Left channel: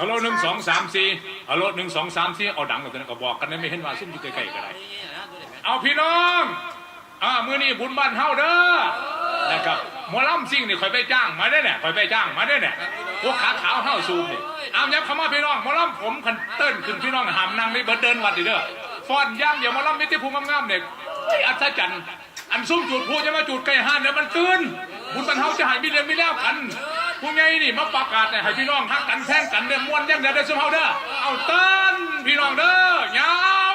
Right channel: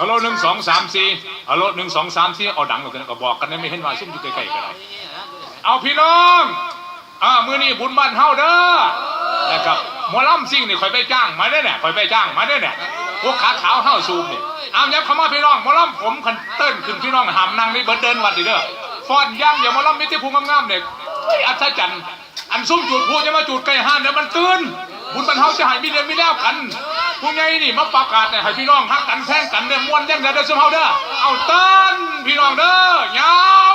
ฮัลโหลหนึ่งสองสามสี่ฮัลโหลหนึ่งสองสามสี่เอาดังกว่ากันก็บอกกันได้ไม่เห็นว่าซุ่มอยู่ใกล้ๆกันได้เอาพี่น้องอ่ามือนี่บุญบ้านเฮาเด้อนะครับหมอลำซิ่งนี่คอยไปจ้างมาได้เนี่ยคอยไปจ้างมาได้เนี่ยพวกขาขาวเฮาซูมนี่เอายับเข้ามาพี่น้องหมอลำผมคันเติ้นขึ้นพี่น้องหามนั่งนี่เบิดเดินวัดดิเด้อฟอนย่างเดี๋ยวหมอลำมิตรภูมิงามๆเนี่ยอัศจรรย์อันซุ่มจุดพูดจะมาจุดไก่ห้านเดี๋ยวมันตื่นบุญบ้านเฮาจะให้มีเดียวมีแล้วกัน ผู้ใหญ่นี่มาประกาศให้พี่น้องฮักกันแท่งกันเด้อม่วนยังเด้อเด้อเสมเฮาเด้อเอาเต้นพี่น้องเด้อยา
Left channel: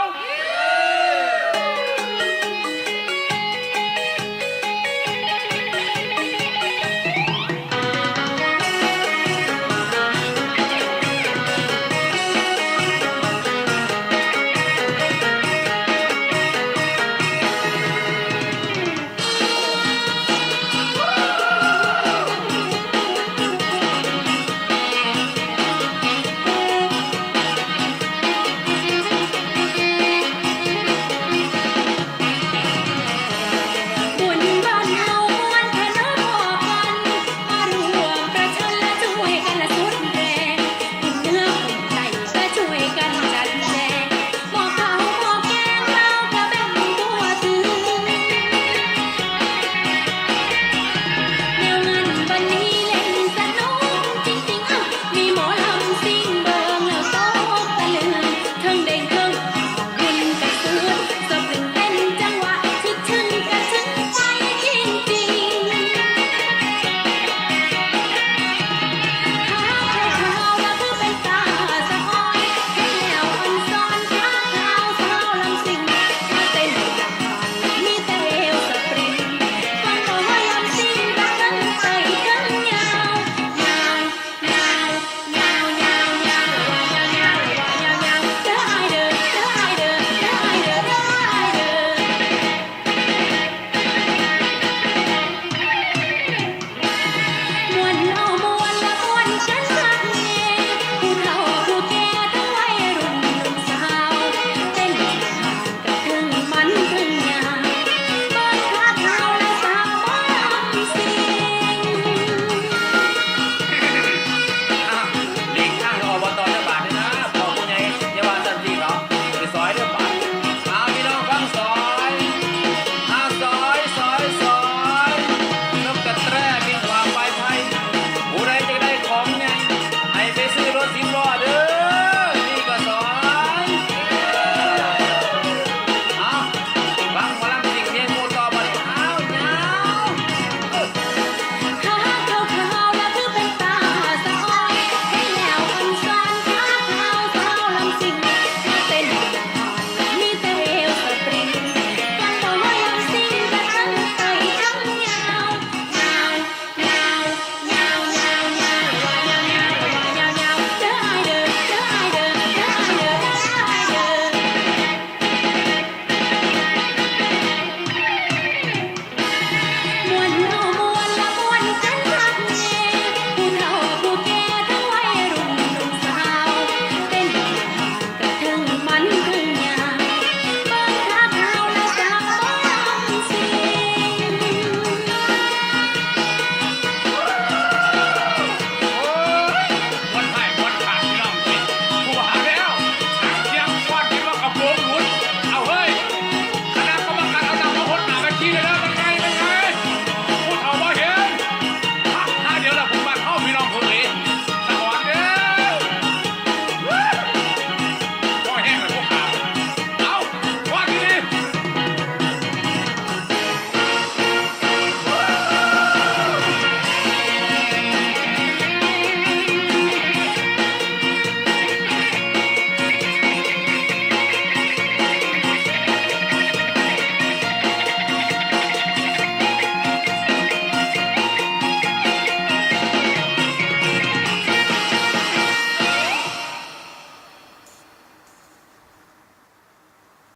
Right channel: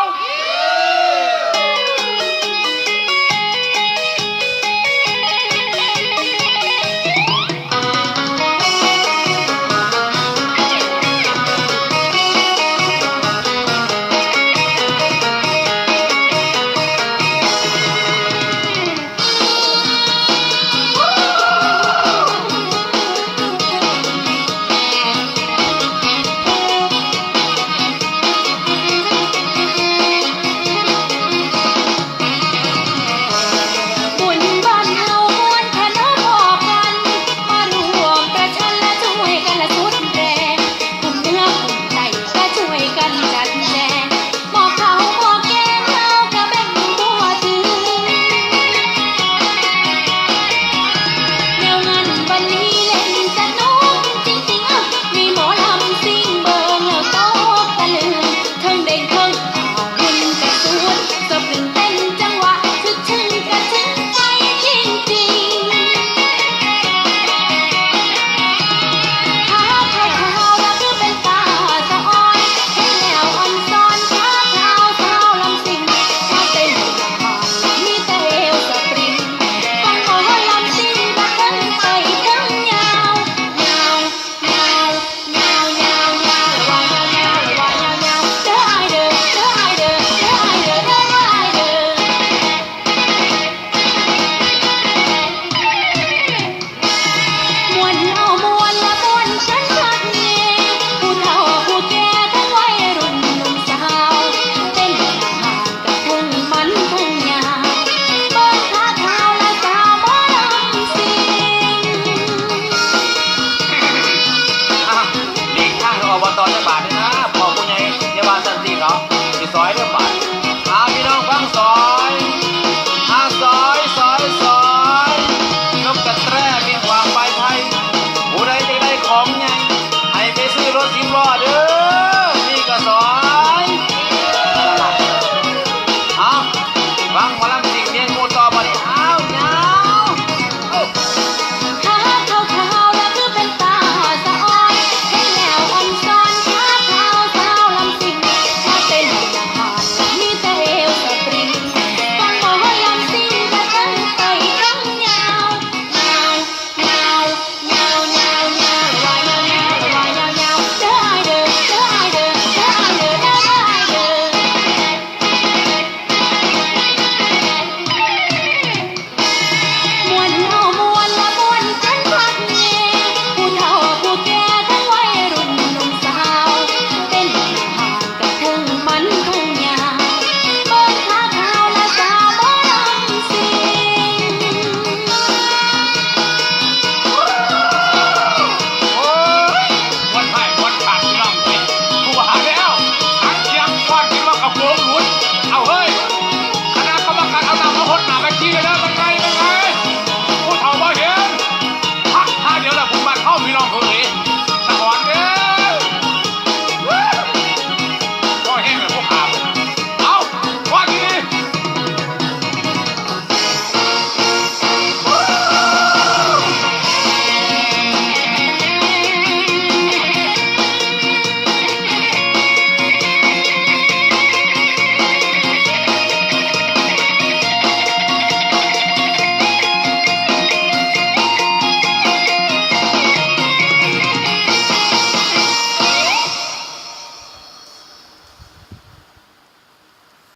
อบตจังหวั